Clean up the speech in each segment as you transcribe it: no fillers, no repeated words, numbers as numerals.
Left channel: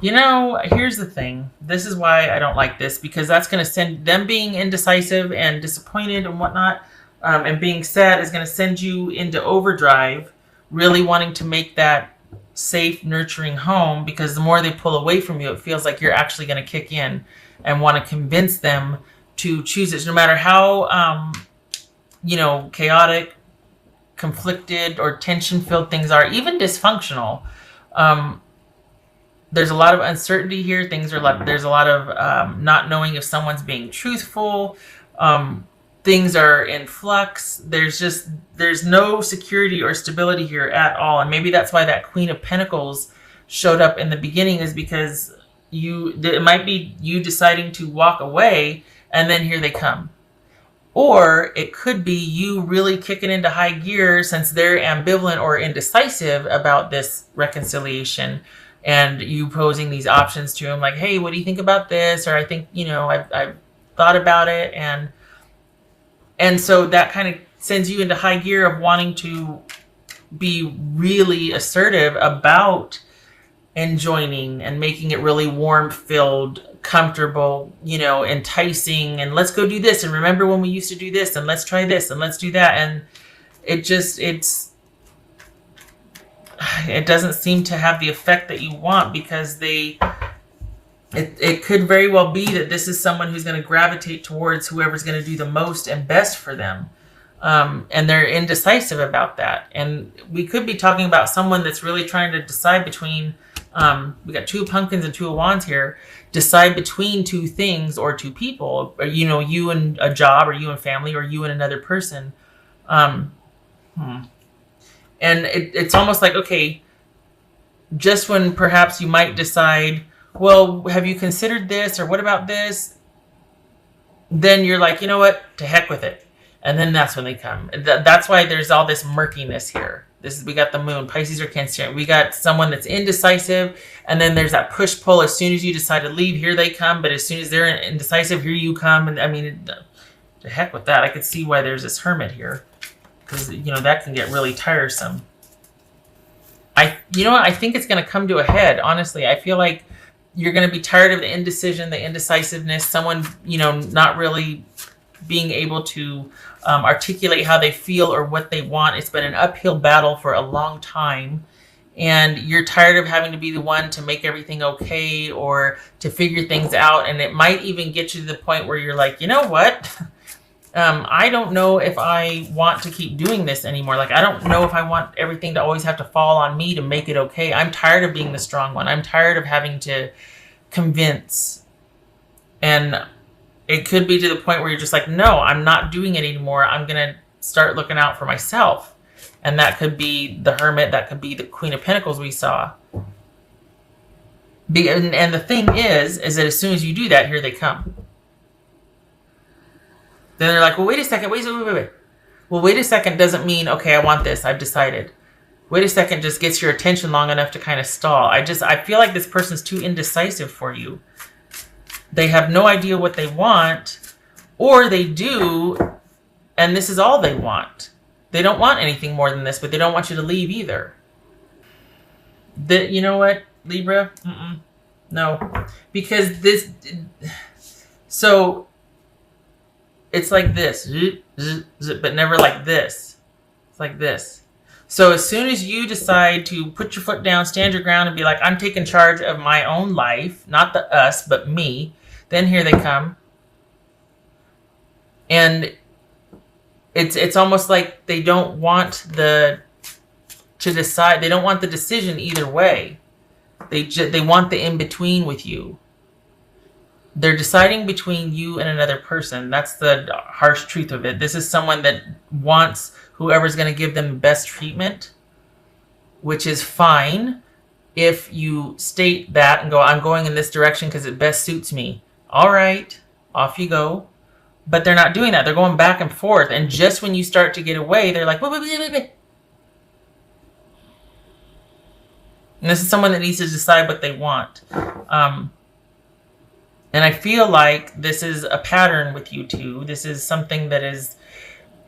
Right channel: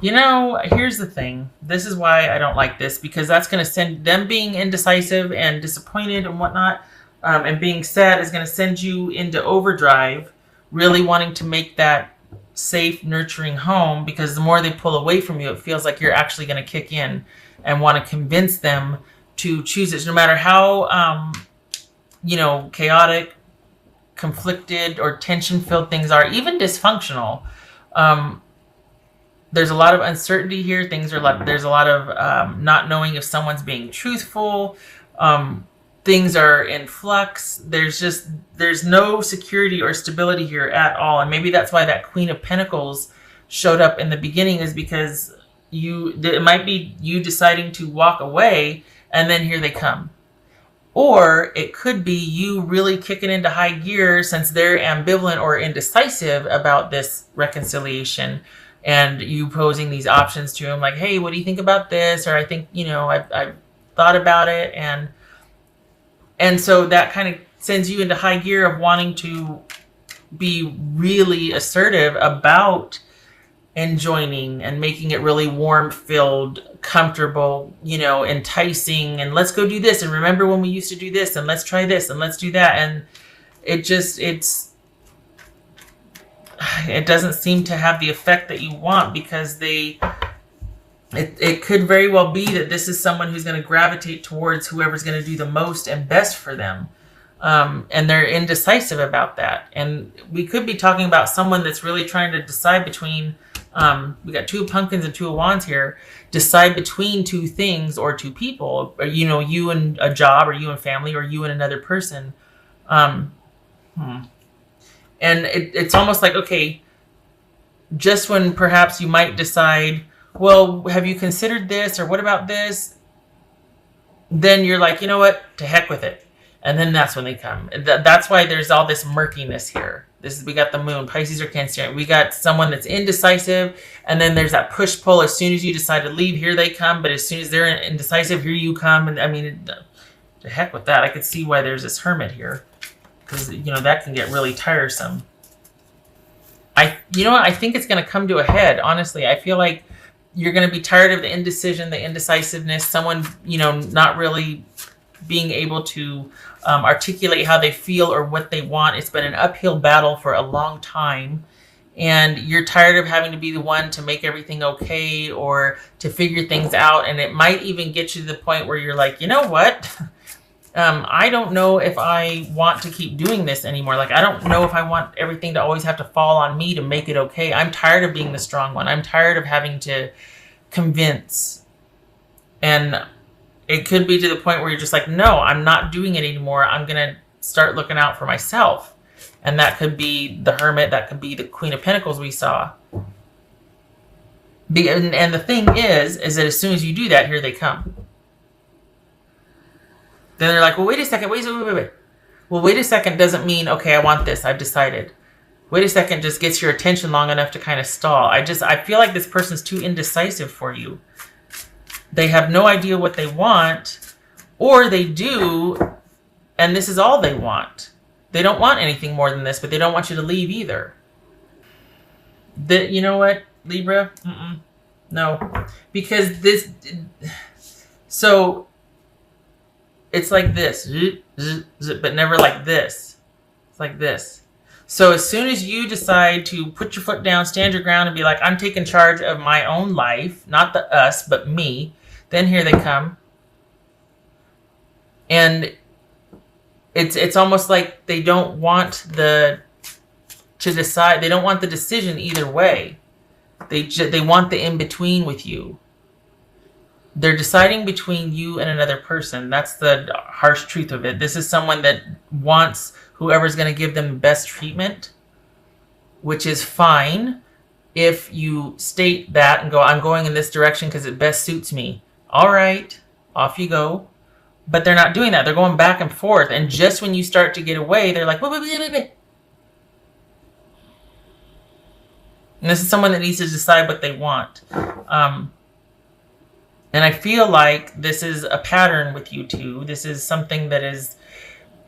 Here's the thing. This is why I don't like this, because that's going to send them being indecisive and disappointed and whatnot, and being sad is going to send you into overdrive, really wanting to make that safe, nurturing home, because the more they pull away from you, it feels like you're actually going to kick in and want to convince them to choose it. No matter how, chaotic, conflicted, or tension filled things are, even dysfunctional. There's a lot of uncertainty here. There's a lot of not knowing if someone's being truthful. Things are in flux. There's no security or stability here at all. And maybe that's why that Queen of Pentacles showed up in the beginning, is because it might be you deciding to walk away, and then here they come. Or it could be you really kicking into high gear since they're ambivalent or indecisive about this reconciliation, and you posing these options to him like, hey, what do you think about this? Or I think, I've thought about it. And so that kind of sends you into high gear of wanting to be really assertive about enjoining and making it really warm filled, comfortable, enticing, and let's go do this, and remember when we used to do this, and let's try this, and let's do that. And it doesn't seem to have the effect that you want, because it could very well be that this is someone who's going to gravitate towards whoever's going to do the most and best for them. And they're indecisive about that. And we could be talking about someone that's really trying to decide between, we got 2 pumpkins and 2 of wands here, decide between 2 things or 2 people, or, you and a job, or you and family, or you and another person. And it's almost like, okay, just when perhaps you might decide, well, have you considered this, or what about this? Then you're like, you know what, to heck with it. And then that's when they come. That's why there's all this murkiness here. We got the moon, Pisces or Cancer. We got someone that's indecisive, and then there's that push-pull. As soon as you decide to leave, here they come. But as soon as they're indecisive, here you come. And I mean, to heck with that. I could see why there's this hermit here, because that can get really tiresome. I think it's going to come to a head. Honestly, I feel like you're going to be tired of the indecision, the indecisiveness. Someone not really being able to articulate how they feel or what they want. It's been an uphill battle for a long time, and you're tired of having to be the one to make everything okay or to figure things out. And it might even get you to the point where you're like, you know what? I don't know if I want to keep doing this anymore. Like, I don't know if I want everything to always have to fall on me to make it okay. I'm tired of being the strong one. I'm tired of having to convince. And it could be to the point where you're just like, no, I'm not doing it anymore. I'm going to start looking out for myself. And that could be the hermit. That could be the Queen of Pentacles we saw. And the thing is that as soon as you do that, here they come. Then they're like, well, wait a second. Wait. Well, wait a second doesn't mean, okay, I want this. I've decided. Wait a second just gets your attention long enough to kind of stall. I feel like this person's too indecisive for you. They have no idea what they want, or they do, and this is all they want. They don't want anything more than this, but they don't want you to leave either. You know what, Libra? No. Because this... So... It's like this, but never like this. Like this. So as soon as you decide to put your foot down, stand your ground, and be like, I'm taking charge of my own life, not the us, but me, then here they come. And it's almost like they don't want to decide. They don't want the decision either way. They want the in-between with you. They're deciding between you and another person. That's the harsh truth of it. This is someone that wants whoever's going to give them best treatment, which is fine if you state that and go, I'm going in this direction because it best suits me. All right, off you go. But they're not doing that. They're going back and forth. And just when you start to get away, they're like, wait. And this is someone that needs to decide what they want. And I feel like this is a pattern with you two. This is something that is,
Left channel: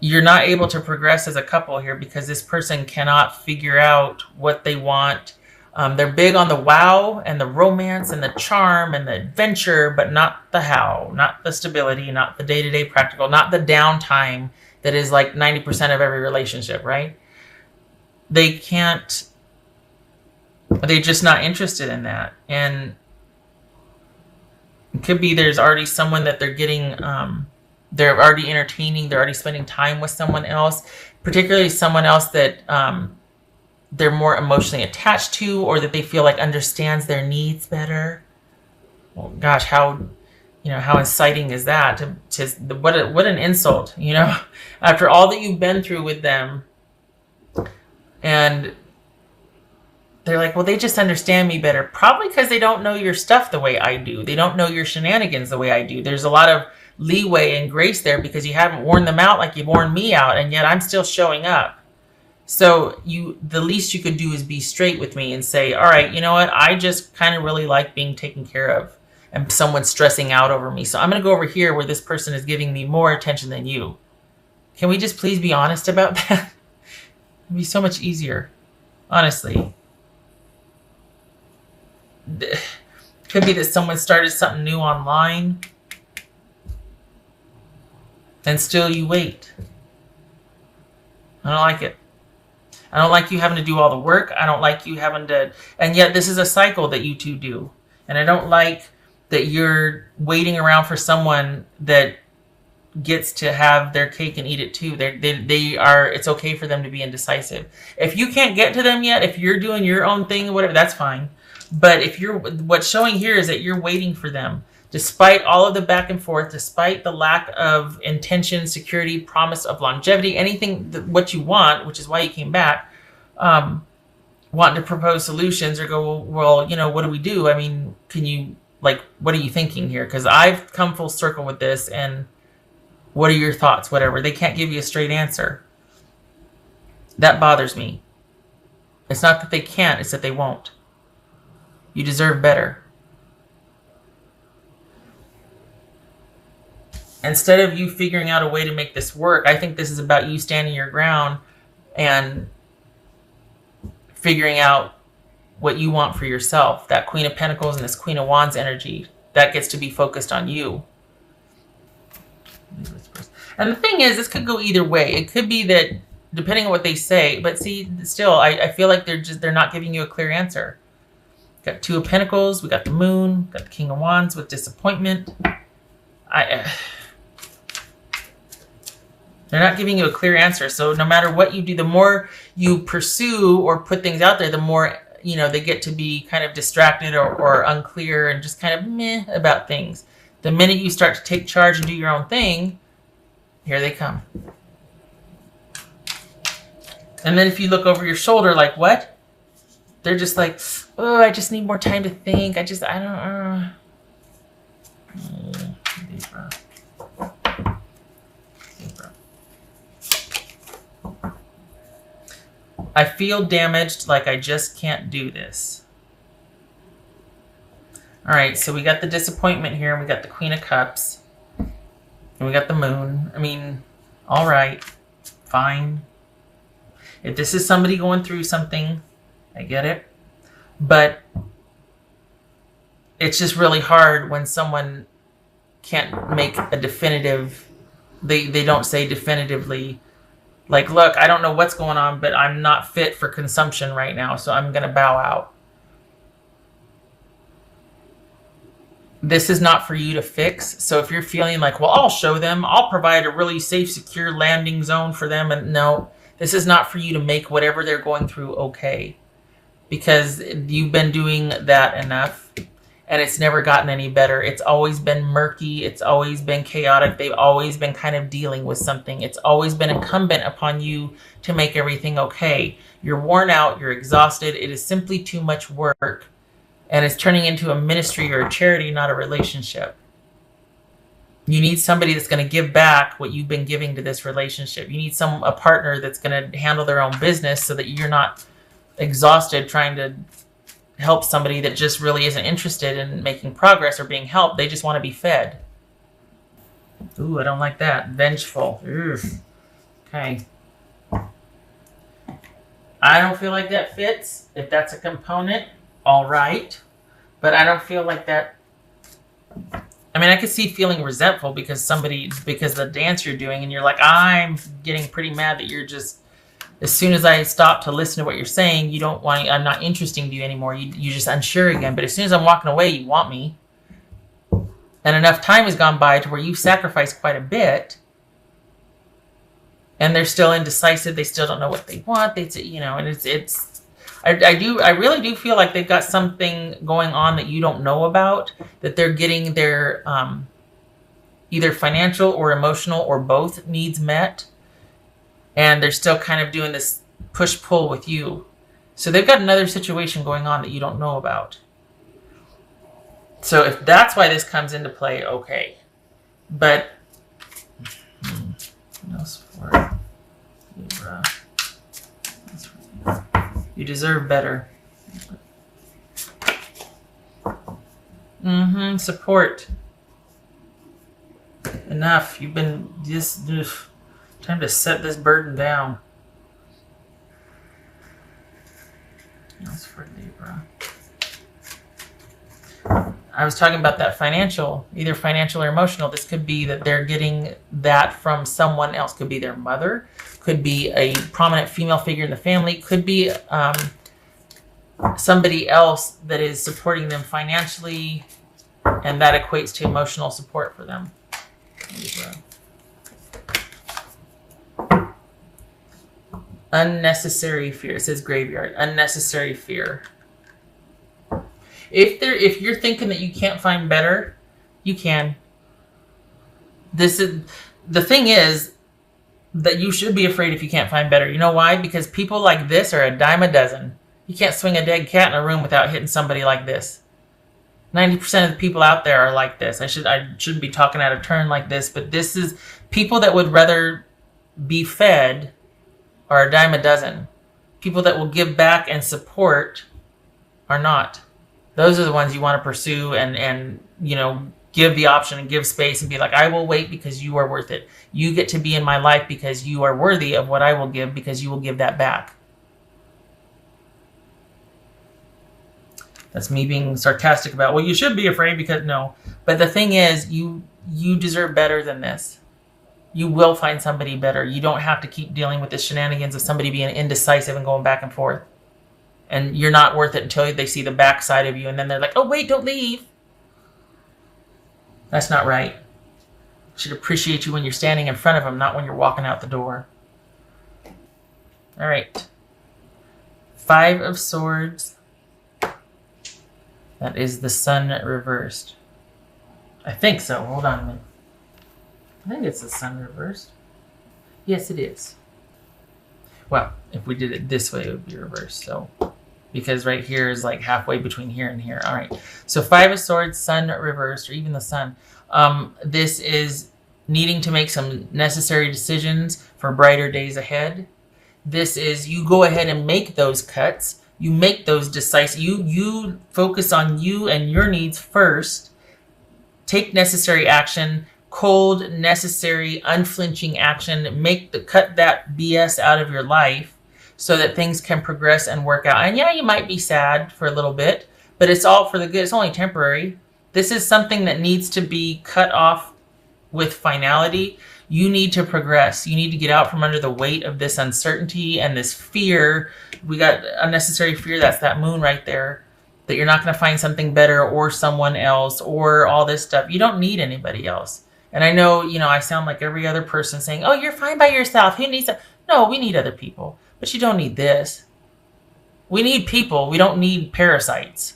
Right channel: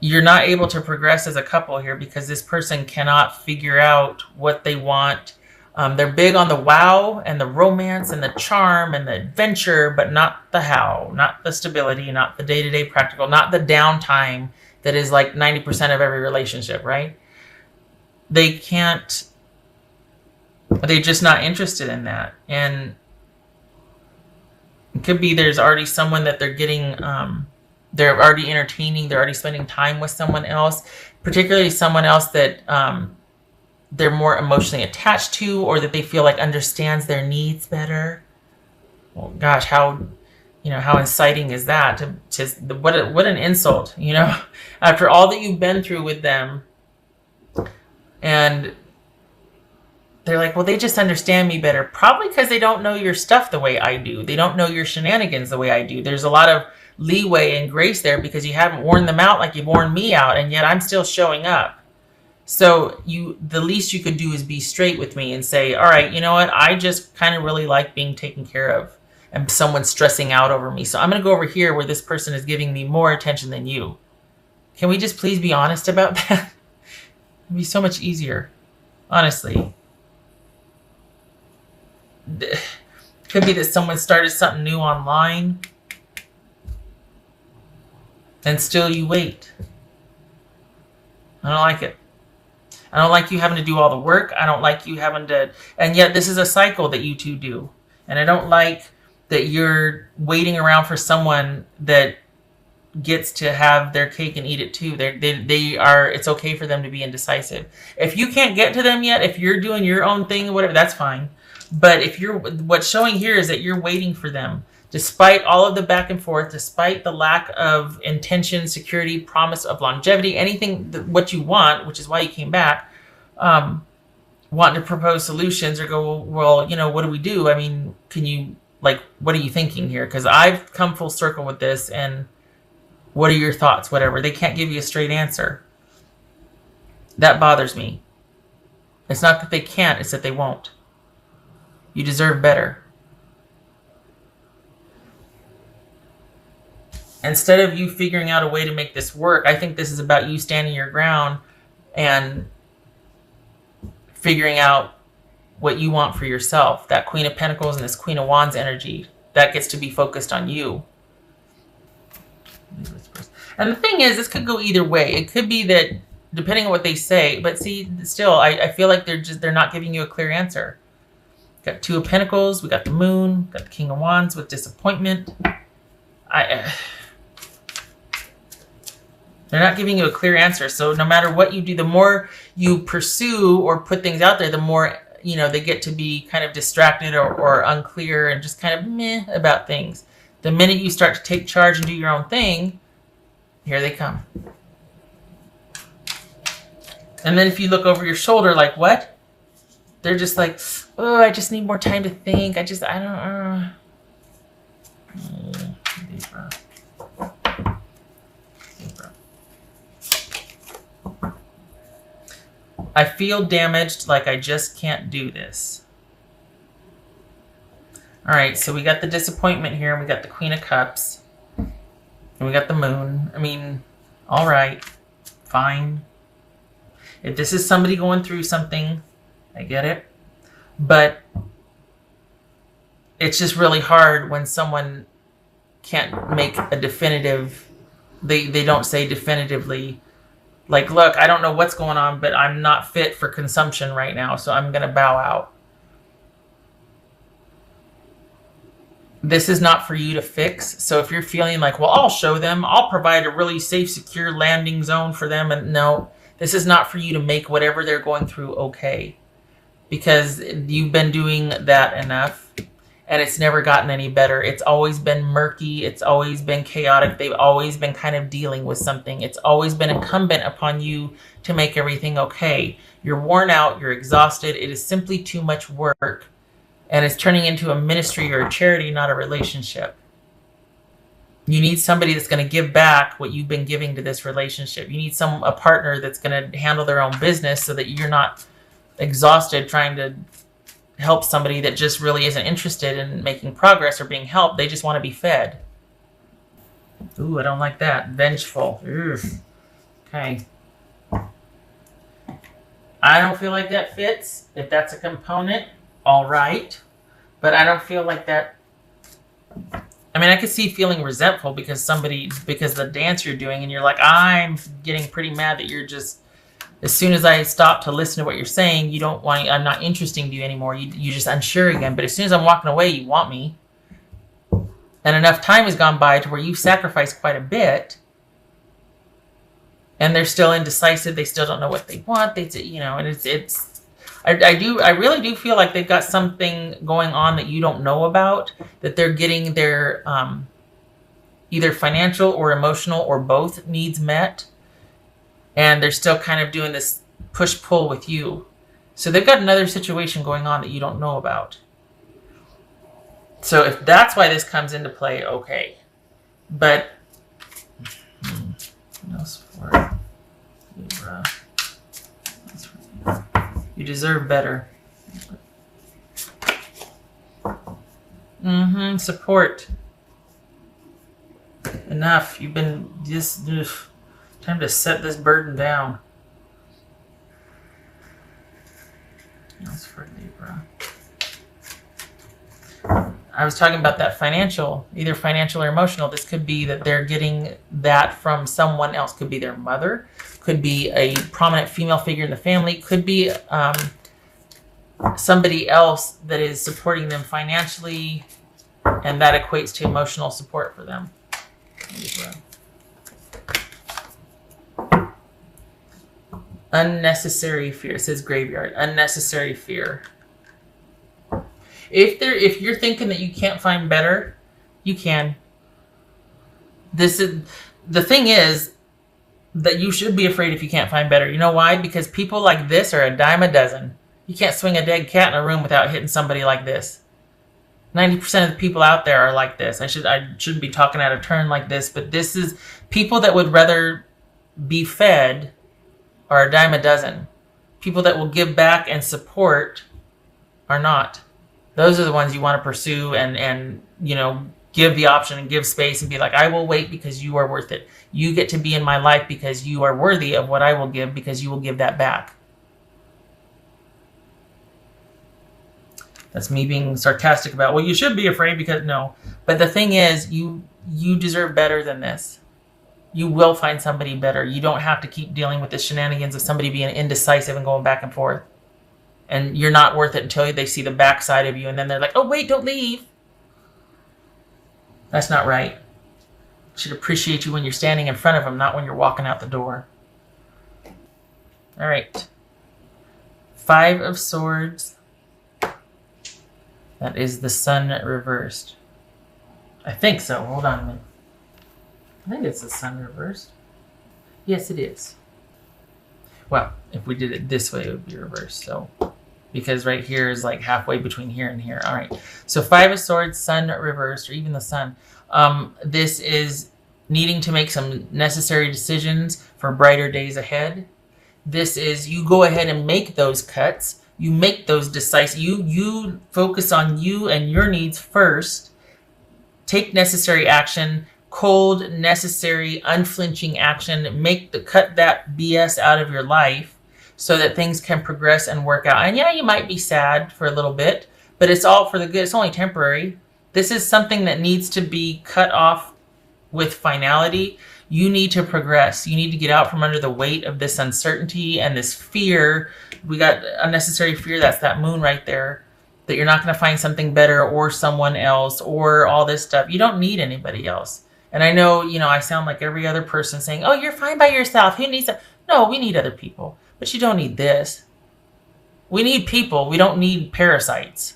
you're not able to progress as a couple here because this person cannot figure out what they want. They're big on the wow and the romance and the charm and the adventure, but not the how, not the stability, not the day-to-day practical, not the downtime that is like 90% of every relationship, right? They can't, they're just not interested in that. And it could be there's already someone that they're getting, they're already entertaining, they're already spending time with someone else, particularly someone else that they're more emotionally attached to, or that they feel like understands their needs better. Well, gosh, how inciting is that? What an insult, after all that you've been through with them, and they're like, well, they just understand me better. Probably because they don't know your stuff the way I do. They don't know your shenanigans the way I do. There's a lot of leeway and grace there because you haven't worn them out like you've worn me out, and yet I'm still showing up. So the least you could do is be straight with me and say, all right, you know what? I just kind of really like being taken care of and someone's stressing out over me. So I'm going to go over here where this person is giving me more attention than you. Can we just please be honest about that? It'd be so much easier, honestly. Could be that someone started something new online and still you wait. I don't like it. I don't like you having to do all the work. I don't like you having to, and yet this is a cycle that you two do. And I don't like that you're waiting around for someone that gets to have their cake and eat it too. They are, it's okay for them to be indecisive. If you can't get to them yet, if you're doing your own thing or whatever, that's fine. But what's showing here is that you're waiting for them. Despite all of the back and forth, despite the lack of intention, security, promise of longevity, anything what you want, which is why you came back, wanting to propose solutions or go, well, what do we do? I mean, what are you thinking here? Because I've come full circle with this, and what are your thoughts? Whatever. They can't give you a straight answer. That bothers me. It's not that they can't, it's that they won't. You deserve better. Instead of you figuring out a way to make this work, I think this is about you standing your ground and figuring out what you want for yourself. That Queen of Pentacles and this Queen of Wands energy, that gets to be focused on you. And the thing is, this could go either way. It could be that, depending on what they say, but see, still, I feel like they're not giving you a clear answer. Got Two of Pentacles, we got the Moon, got the King of Wands with disappointment. They're not giving you a clear answer. So no matter what you do, the more you pursue or put things out there, the more, they get to be kind of distracted or unclear and just kind of meh about things. The minute you start to take charge and do your own thing, here they come. And then if you look over your shoulder, like, what? They're just like, oh, I just need more time to think. I don't. Libra. I feel damaged, like I just can't do this. All right, so we got the disappointment here. We got the Queen of Cups. And we got the Moon. I mean, all right, fine. If this is somebody going through something, I get it. But it's just really hard when someone can't make a definitive, they don't say definitively, like, look, I don't know what's going on, but I'm not fit for consumption right now, so I'm going to bow out. This is not for you to fix. So if you're feeling like, well, I'll show them, I'll provide a really safe, secure landing zone for them. And no, this is not for you to make whatever they're going through okay. Because you've been doing that enough. And it's never gotten any better. It's always been murky. It's always been chaotic. They've always been kind of dealing with something. It's always been incumbent upon you to make everything okay. You're worn out. You're exhausted. It is simply too much work. And it's turning into a ministry or a charity, not a relationship. You need somebody that's going to give back what you've been giving to this relationship. You need a partner that's going to handle their own business so that you're not exhausted trying to help somebody that just really isn't interested in making progress or being helped. They just want to be fed. Ooh, I don't like that. Vengeful. Ugh. Okay. I don't feel like that fits. If that's a component, all right. But I don't feel like that. I mean, I could see feeling resentful because the dance you're doing, and you're like, I'm getting pretty mad that you're just, as soon as I stop to listen to what you're saying, you don't want, I'm not interesting to you anymore. You're just unsure again. But as soon as I'm walking away, you want me. And enough time has gone by to where you've sacrificed quite a bit, and they're still indecisive. They still don't know what they want. And I really do feel like they've got something going on that you don't know about, that they're getting their either financial or emotional or both needs met, and they're still kind of doing this push-pull with you. So they've got another situation going on that you don't know about. So if that's why this comes into play, okay. But what else for Libra? You deserve better. Support. Enough. You've been just time to set this burden down. What else for Libra? I was talking about that financial, either financial or emotional. This could be that they're getting that from someone else. Could be their mother. Could be a prominent female figure in the family. Could be somebody else that is supporting them financially, and that equates to emotional support for them. Unnecessary fear. It says graveyard. Unnecessary fear. If you're thinking that you can't find better, you can. The thing is that you should be afraid if you can't find better. You know why? Because people like this are a dime a dozen. You can't swing a dead cat in a room without hitting somebody like this. 90% of the people out there are like this. I shouldn't be talking out of turn like this, but this is people that would rather be fed are a dime a dozen. People that will give back and support are not. Those are the ones you want to pursue and give the option and give space and be like, I will wait because you are worth it. You get to be in my life because you are worthy of what I will give, because you will give that back. That's me being sarcastic about, well, you should be afraid because no. But the thing is, you deserve better than this. You will find somebody better. You don't have to keep dealing with the shenanigans of somebody being indecisive and going back and forth. And you're not worth it until they see the backside of you. And then they're like, oh, wait, don't leave. That's not right. You should appreciate you when you're standing in front of them, not when you're walking out the door. All right. 5 of Swords. That is the Sun reversed. I think so. Hold on a minute. I think it's the Sun reversed. Yes, it is. Well, if we did it this way, it would be reversed. So, because right here is like halfway between here and here. All right. So 5 of Swords, Sun reversed, or even the Sun. This is needing to make some necessary decisions for brighter days ahead. This is you go ahead and make those cuts. You make those decisive. You focus on you and your needs first. Take necessary action. Cold, necessary, unflinching action. Cut that BS out of your life so that things can progress and work out. And yeah, you might be sad for a little bit, but it's all for the good. It's only temporary. This is something that needs to be cut off with finality. You need to progress. You need to get out from under the weight of this uncertainty and this fear. We got unnecessary fear. That's that moon right there. That you're not going to find something better or someone else or all this stuff. You don't need anybody else. And I know, I sound like every other person saying, oh, you're fine by yourself. Who needs that? No, we need other people. But you don't need this. We need people. We don't need parasites.